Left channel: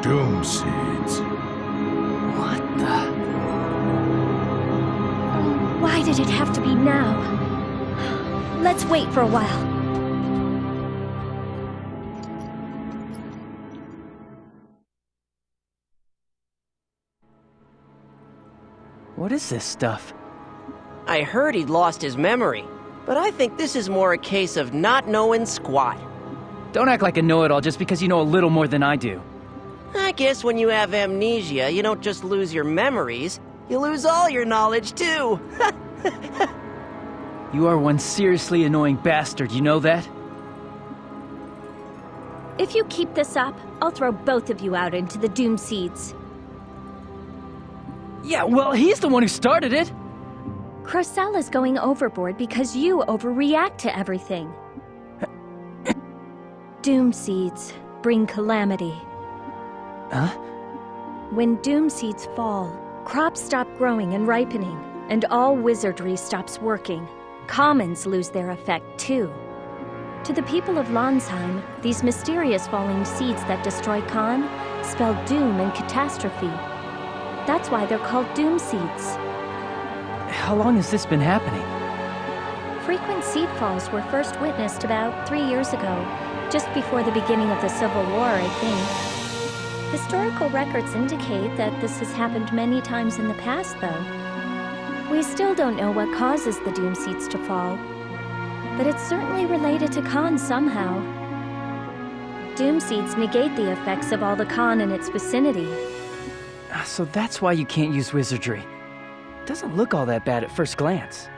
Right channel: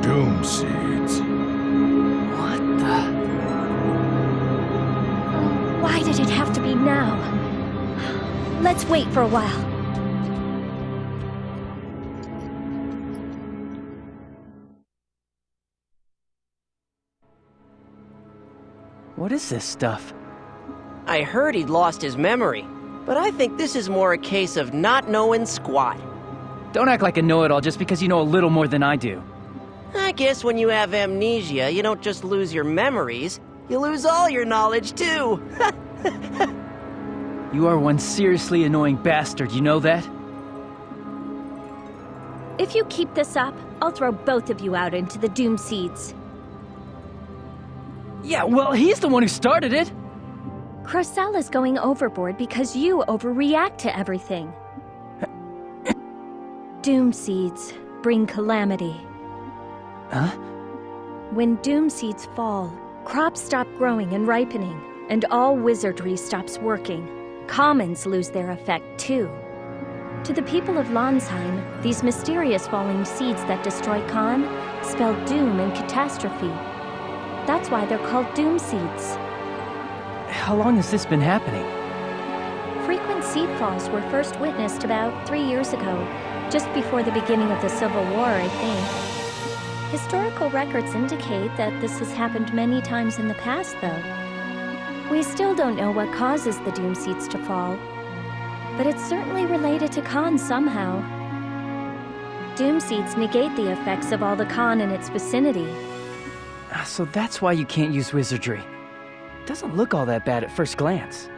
Doom seeds. What the? Oh, why did it have to be now? Let's wait for a while. What is this stuff? I heard he'd lost his memory, but I think this is more a case of not knowing squat. Don't act like a know-it-all just because you know a little more than I do. I guess when you have amnesia, you don't just lose your memories, you lose all your knowledge too. You are one seriously annoying bastard, you know that? If you keep this up, I'll throw both of you out into the Doom Seeds. Yeah, well, he's the one who started it! Crocella's going overboard because you overreact to everything. Doom Seeds bring calamity. Huh? When Doom Seeds fall, crops stop growing and ripening, and all wizardry stops working. Commons lose their effect, too. To the people of Landsheim, these mysterious falling seeds that destroy Khan spell doom and catastrophe. That's why they're called Doom Seeds. How long has this been happening? Frequent seed falls were first witnessed about 3 years ago, just before the beginning of the Civil War, I think. Historical records indicate that this has happened many times in the past, though. We still don't know what causes the Doom Seeds to fall, but it's certainly related to Khan somehow. Doom Seeds negate the effects of all the Khan in its vicinity. So that's why you can't use wizardry. Doesn't look all that bad at first glance.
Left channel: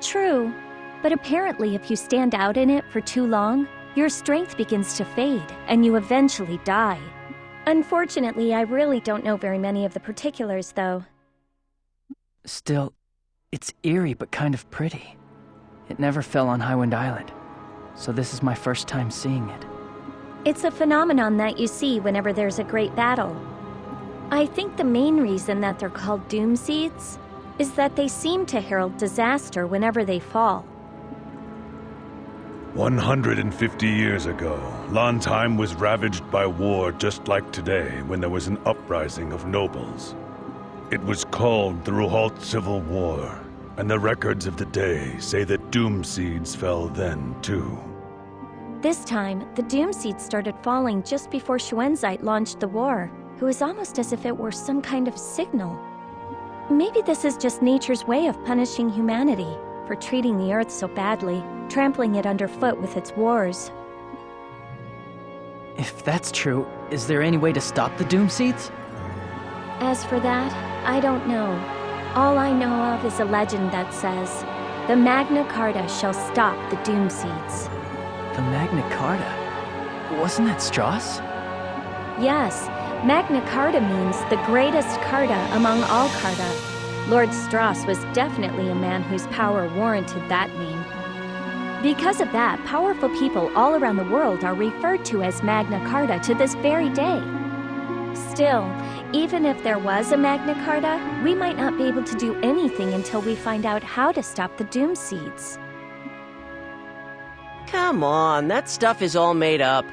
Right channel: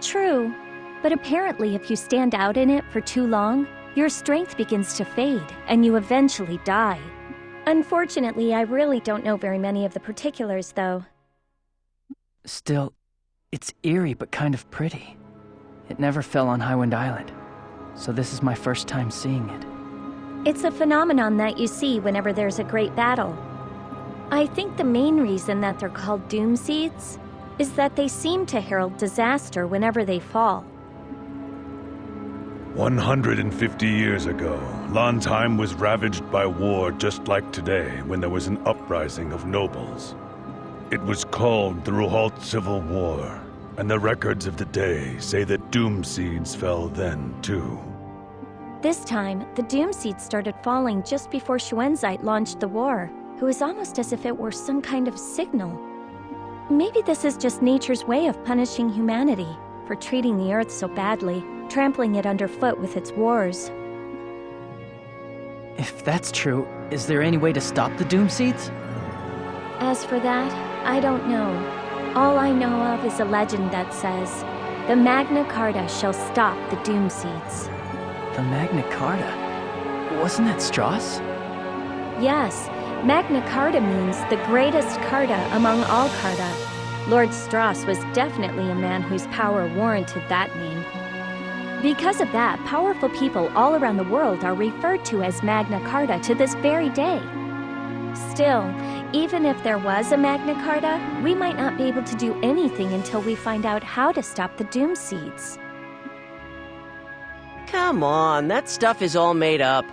True, but apparently if you stand out in it for too long, your strength begins to fade, and you eventually die. Unfortunately, I really don't know very many of the particulars, though. Still, it's eerie but kind of pretty. It never fell on Highwind Island, so this is my first time seeing it. It's a phenomenon that you see whenever there's a great battle. I think the main reason that they're called Doom Seeds is that they seem to herald disaster whenever they fall. 150 years ago, Landsheim was ravaged by war just like today when there was an uprising of nobles. It was called the Ruhalt Civil War, and the records of the day say that Doom Seeds fell then, too. This time, the Doom Seeds started falling just before Schwenzite launched the war. It was almost as if it were some kind of signal. Maybe this is just nature's way of punishing humanity for treating the Earth so badly, trampling it underfoot with its wars. If that's true, is there any way to stop the Doom Seeds? As for that, I don't know. All I know of is a legend that says, the Magna Carta shall stop the Doom Seeds. The Magna Carta? Wasn't that Strauss? Yes, Magna Carta means the greatest Carta among all Carta. Lord Strauss was definitely a man whose power warranted that name. Because of that, powerful people all around the world are referred to as Magna Carta to this very day. Still, even if there was a Magna Carta, we might not be able to do anything until we find out how to stop the Doom Seeds. Come on, that stuff is all made up.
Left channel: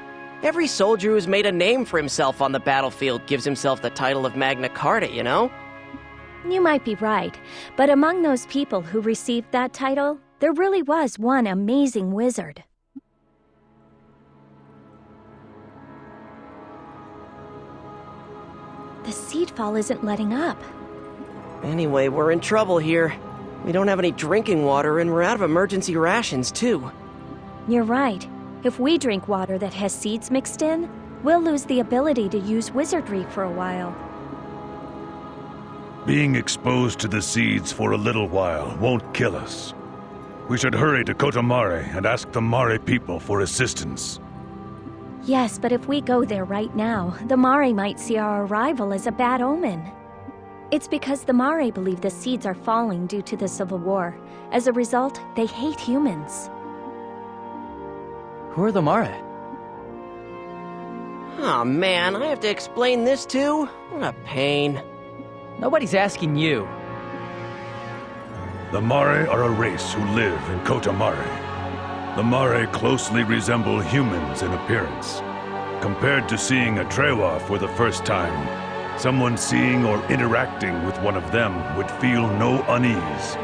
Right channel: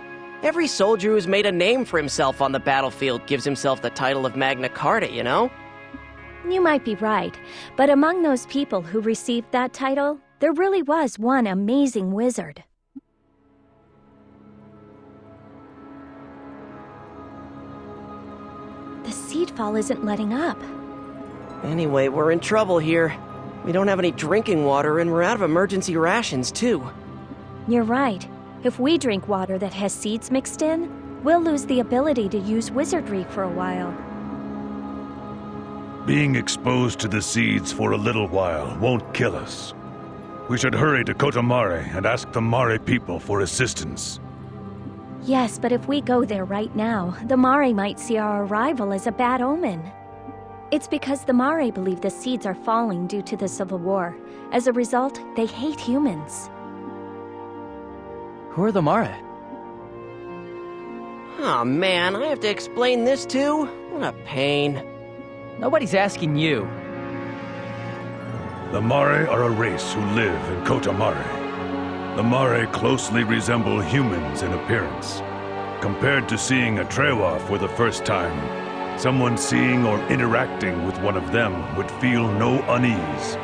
Every soldier who's made a name for himself on the battlefield gives himself the title of Magna Carta, you know? You might be right, but among those people who received that title, there really was one amazing wizard. The seed fall isn't letting up. Anyway, we're in trouble here. We don't have any drinking water, and we're out of emergency rations, too. You're right. If we drink water that has seeds mixed in, we'll lose the ability to use wizardry for a while. Being exposed to the seeds for a little while won't kill us. We should hurry to Kotomare and ask the Mare people for assistance. Yes, but if we go there right now, the Mare might see our arrival as a bad omen. It's because the Mare believe the seeds are falling due to the Civil War. As a result, they hate humans. Who are the Mare? Aw, man, I have to explain this too? What a pain. Nobody's asking you. The Mare are a race who live in Kotomare. The Mare closely resemble humans in appearance. Compared to seeing a Trewa for the first time, someone seeing or interacting with one of them would feel no unease.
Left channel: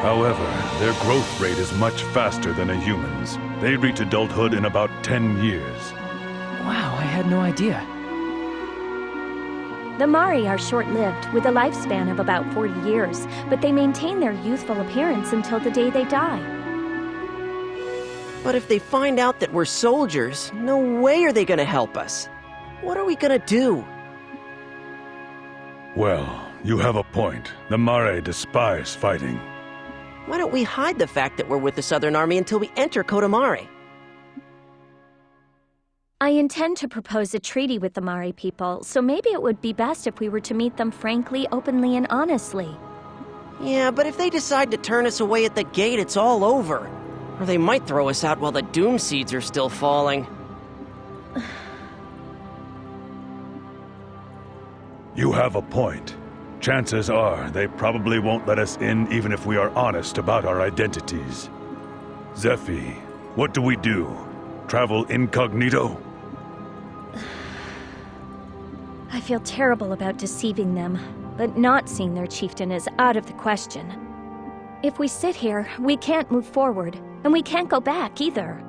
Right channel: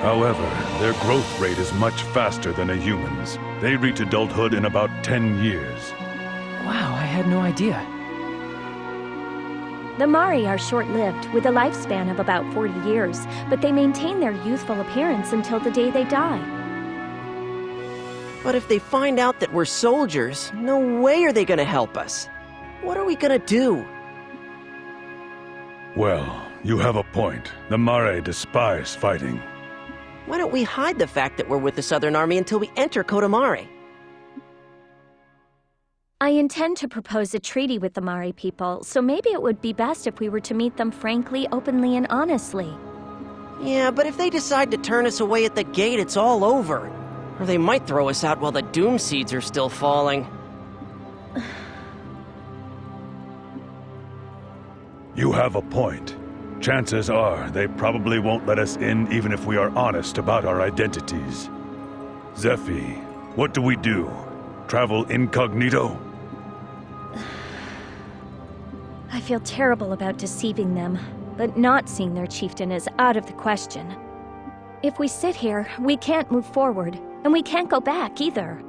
However, their growth rate is much faster than a human's. They reach adulthood in about 10 years. Wow, I had no idea. The Mari are short-lived, with a lifespan of about 40 years, but they maintain their youthful appearance until the day they die. But if they find out that we're soldiers, no way are they gonna help us. What are we gonna do? Well, you have a point. The Mare despise fighting. Why don't we hide the fact that we're with the Southern Army until we enter Kodamare? I intend to propose a treaty with the Mari people, so maybe it would be best if we were to meet them frankly, openly, and honestly. Yeah, but if they decide to turn us away at the gate, it's all over. Or they might throw us out while the doom seeds are still falling. You have a point. Chances are they probably won't let us in even if we are honest about our identities. Zephi, what do we do? Travel incognito? I feel terrible about deceiving them, but not seeing their chieftain is out of the question. If we sit here, we can't move forward, and we can't go back either.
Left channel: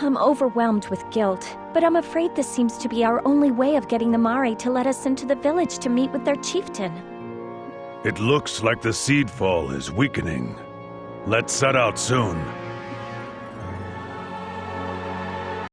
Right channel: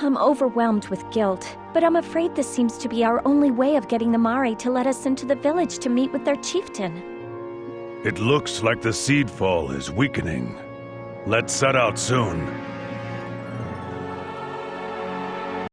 I'm overwhelmed with guilt, but I'm afraid this seems to be our only way of getting the Mari to let us into the village to meet with their chieftain. It looks like the seed fall is weakening. Let's set out soon.